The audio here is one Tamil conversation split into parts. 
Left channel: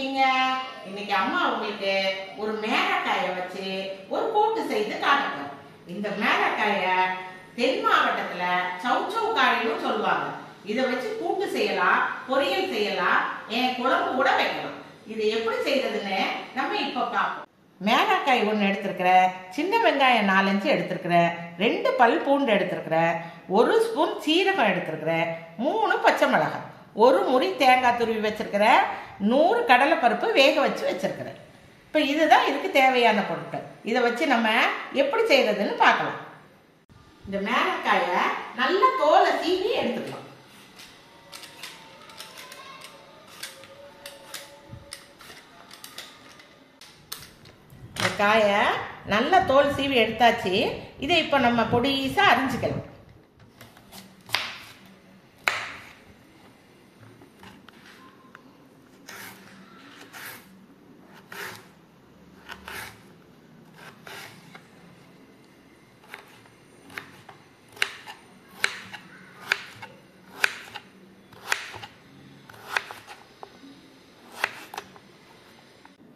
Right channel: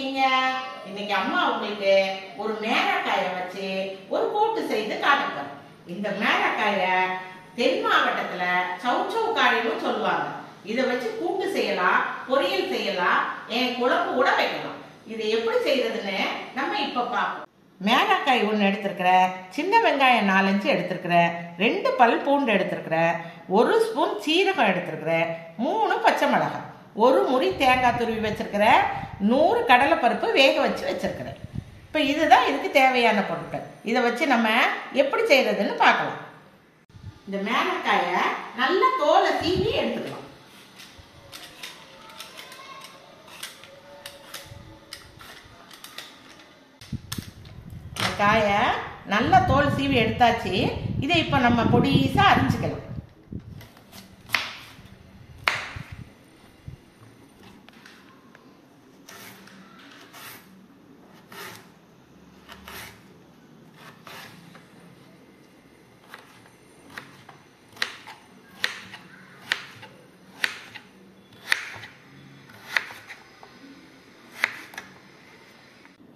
இருக்கீங்க? இன்னைக்கு அம்மா உங்களுக்கு ஒரு மேரக்காயை வச்சு ஒரு கூட்டு செய்து காட்டுறேன். இந்த மேரக்காயை தென் மாவட்டத்துல சவ் சவ் காயின்னு சொல்லுவாங்க. இதை வச்சு கூட்டு செய்யலாம், பொரியல் செய்யலாம், குழம்பு கூட வைக்கலாம். இதை எப்படி செய்யறதுன்னு நம்ம இப்ப பார்ப்போம். மேரக்காய் ஒன்று எடுத்திருக்கிறேன், சின்ன வெங்காயம் 4-5 எடுத்திருக்கிறேன், 2 பல் பூண்டு எடுத்திருக்கிறேன், 1 ஸ்பூன் சீரகம் எடுத்திருக்கிறேன், 3 பச்சை மிளகாய், 1 முறி தேங்காய் துருவி வச்சிருக்கிறேன், 100 கடலைப்பருப்பு வேக வச்சு வச்சிருக்கிறேன். இப்போ இதுதான் இதுக்கு தேவையான பொருட்கள். இதை வச்சு நம்ம எப்படி செய்யறதுன்னு பார்க்கலாம். இந்த மேரக்காயை நல்லா தோலை சீவி எடுத்துக்கலாம். இந்த காயை நல்லா தோல் சீவி எடுத்தாச்சு. இதை இப்போ நம்ம பொடிசா அரிஞ்சுக்கலாம்.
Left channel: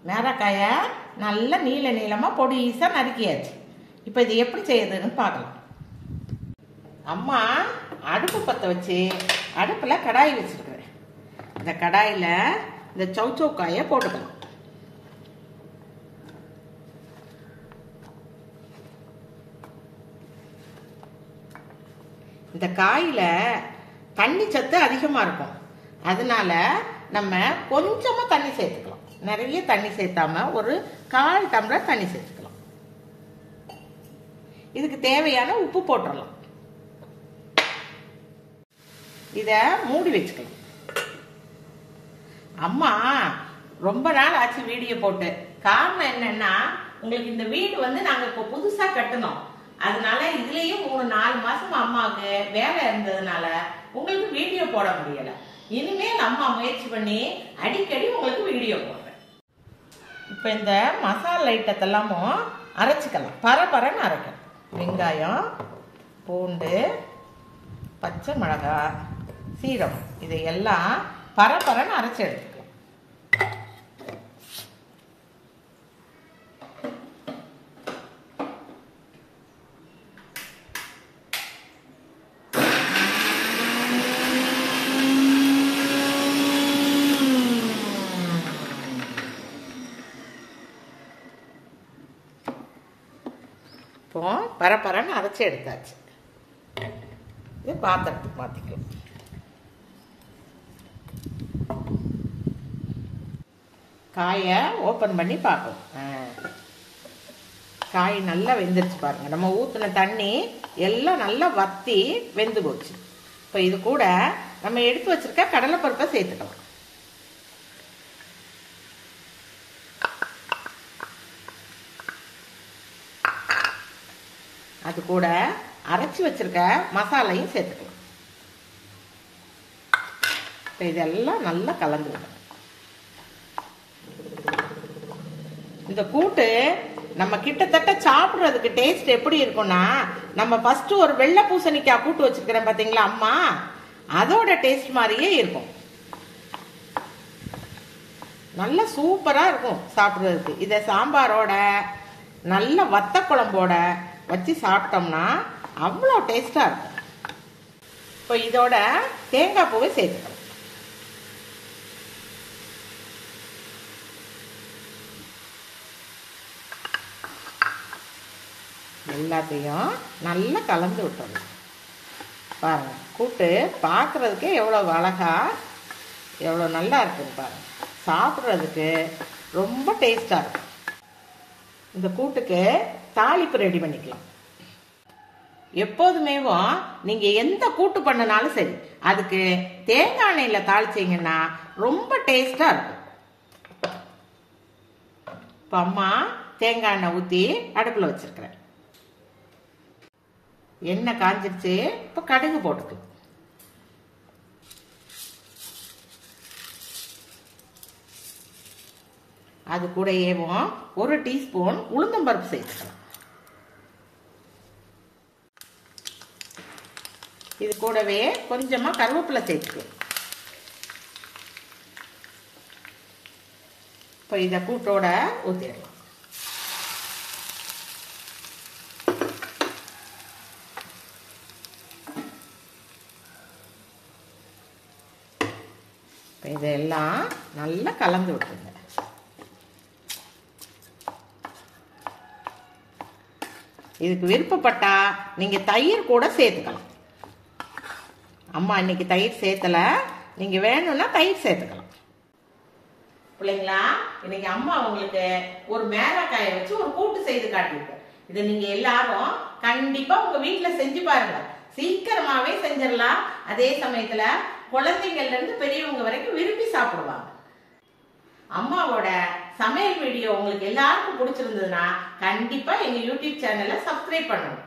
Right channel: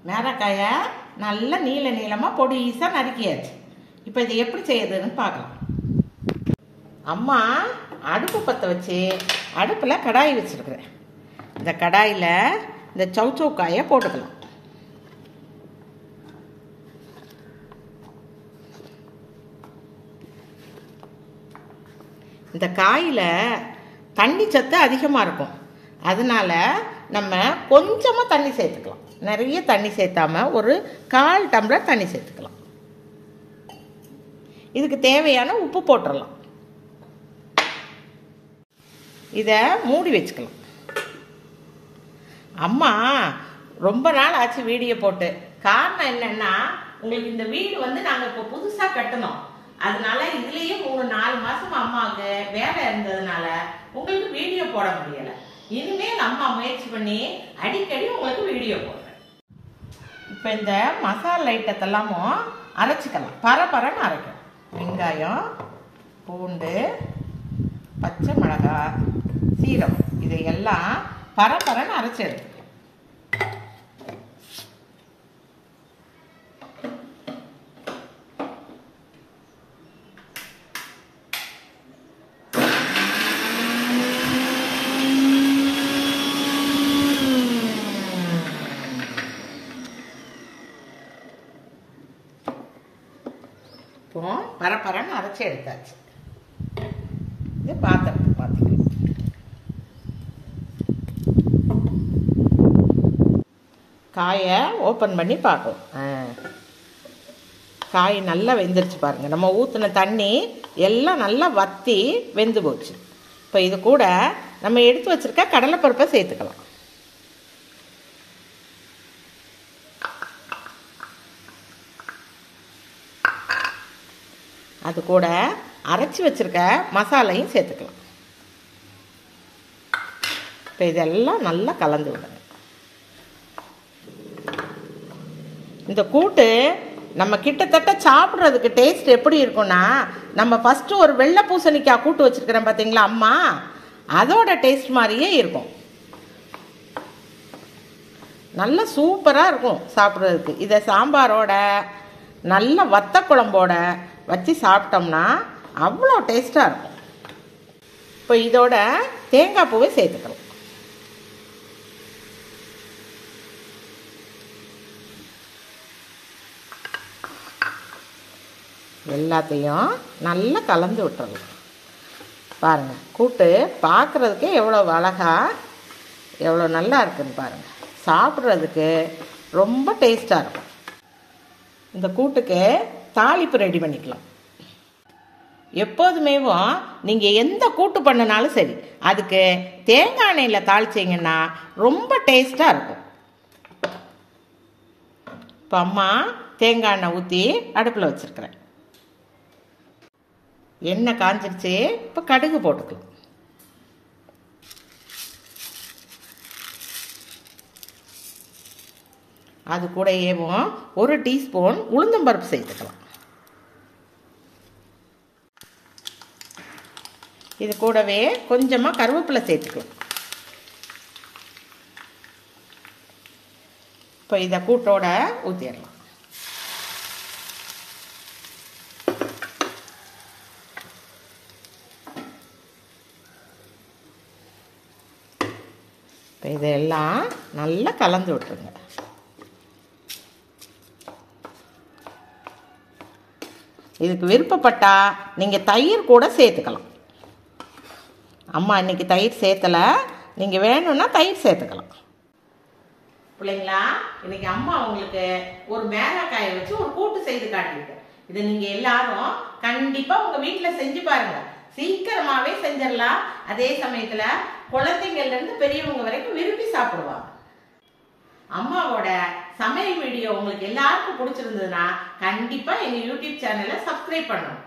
மேரக்காயை நல்லா நீள நீளமாக பொடிசாக நறுக்கியாச்சு. இப்போ இது எப்படி செய்யறதுன்னு பார்க்கலாம். அம்மா அடுப்பு பற்ற வச்சு அடுப்பில் கடாய் வச்சுருக்கிறேன். இந்த கடாயில் இந்த சவ் சவ் காயை போட்டுக்கலாம். இந்த காயில் தண்ணி சத்து அதிகமாக இருக்கும். அதனால நம்ம கொஞ்சமாக தண்ணி சேர்த்துக்கலாம். நிறைய தண்ணி சேர்த்தாம ஒரு 1/4 டம்ளர் தண்ணி சேர்த்துக்கலாம். இதுக்கு தேவையான உப்பு போட்டுடலாம். இத மூடி வச்சுக்கலாம். அம்மா ரொம்ப நாள் ஆச்சு வீடியோ போட்டு. காரணம் என்னன்னா, உங்களுக்கு இந்த வீடு நாங்க இப்போ புதுசா கட்டணும். அதனால இதுலயும் 3-4 மாசம் அம்மாவுக்கு வேலை இருந்ததுனால உங்களுக்கு வீடியோ போட முடியல. இனிமேல் அம்மா முயற்சி பண்ணி அடிக்கடி உங்களுக்கு வீடியோ போடுறேன். இப்போ இந்த மசாலா ஐட்டத்தெல்லாமும் அரைச்சிக்கலாம். பரபரன்னு அரைக்கும். வெங்காயம், பூண்டு, பச்சை மிளகாய், சீரகம் இதையெல்லாம் பரபரன்னு அரைச்சி எடுத்துக்கலாம். பரபரன்னு அரைச்சி எடுத்தாச்சு. இது பாத்திரத்தை பார்த்துக்கலாம். காயை ஓப்பன் பண்ணி பார்ப்போம். காய் நல்லா வெந்துருச்சு பாருங்க. நம்ம ஊற்றின தண்ணி எல்லாம் நல்லா வத்தி வெந்து போச்சு. இப்போ இது கூட நம்ம எடுத்து வச்சிருக்க கடலைப்பருப்பை சேர்த்துக்கலாம். அது கூட அரைச்சி வச்சிருக்க மசாலையும் சேர்த்துக்கலாம். இப்போ இதெல்லாம் நல்லா கலந்து விடுங்க. இந்த கூட்டு நம்ம கிட்டத்தட்ட சாப்பிட்றதுக்கு டேஸ்ட் எப்படி இருக்கும்னா, நம்ம ஃபர்ஸ்ட் ஒரு வெள்ளை பூசணிக்காய் கூட்டு வச்சிருக்கிறேன் பார்த்தீங்களா அம்மா, அதோட டேஸ்ட் மாதிரியே இருக்கும். நல்லா சூப்பராக இருக்கும் சாப்பிட்றதுக்கு. இதை சாம்பாரோட நல்ல வத்த குழம்போட வச்சு சாப்பிட்டோம்னா அவ்வளோ டேஸ்டாக இருக்கும். இப்போ இதோட தேங்காய் பூவை சேர்த்துக்கிறோம். எல்லாத்தையும் நல்லா கலந்து விட்டுறலாம். பாருங்க, கூட்டு பார்க்குறதுக்கே எவ்வளோ அழகா எவ்வளோ நல்லா இருக்குன்னு பாருங்க. சாப்பிட்றதுக்கு ரொம்ப டேஸ்டாக இருக்கும். இந்த கூட்டுக்கு தாளிப்பு ரெடி பண்ணிக்கலாம். எப்போதுமே நீங்க எந்த கூட்டு பண்ணினாலும் சரி, அதுக்கு தேங்காய் எண்ணெயில தாளிச்சீங்கன்னா ரொம்ப டேஸ்டா இருக்கும். இப்போ அம்மா தேங்காய் எண்ணெய் ஊற்றி அடுப்பில் வச்சிருக்கிறேன். எண்ணெய் காஞ்சிருச்சு. இப்போ கடுகு போட்டுக்கலாம். அது கூடயே 1 டீஸ்பூன் உளுந்தம்பருப்பு சேர்த்துக்கலாம். இது கூடவே கொஞ்சமா கருவேப்பிலை சேர்த்துக்கலாம். இப்போ இதை கூட்டோட ஊற்றிடலாம். இப்போ இதெல்லாம் நல்லா கலந்து விட்டுருங்க. இதுக்கு விருப்பப்பட்டா நீங்க தயிர் கூட சேர்த்துக்கலாம். அம்மா இன்னைக்கு தயிர் சேர்த்தல, நீங்க வேணும்னா தயிர் சேர்த்துக்கலாம். பிள்ளைங்களா, இன்னைக்கு அம்மா உங்களுக்கு ஒரு மேராக்காயை வச்சு ஒரு கூட்டு செய்து காட்டியிருக்கேன். இதை நீங்க எல்லாரும் கண்டிப்பா உங்க வீட்டுல செஞ்சு பாருங்க. சீக்கிரமாவே செஞ்சிடலாம். அதே சமயத்துல குழந்தைங்கள்ல இருந்து பெரியவங்க வரைக்கும் விரும்பி சாப்பிடுவாங்க. அம்மாவோட சமையல் வீடியோ உங்களுக்கு எல்லாருக்கும் பிடிச்சிருந்ததுன்னா கண்டிப்பா எங்க யூடியூப் சேனலை சப்ஸ்கிரைப் பண்ணணும்.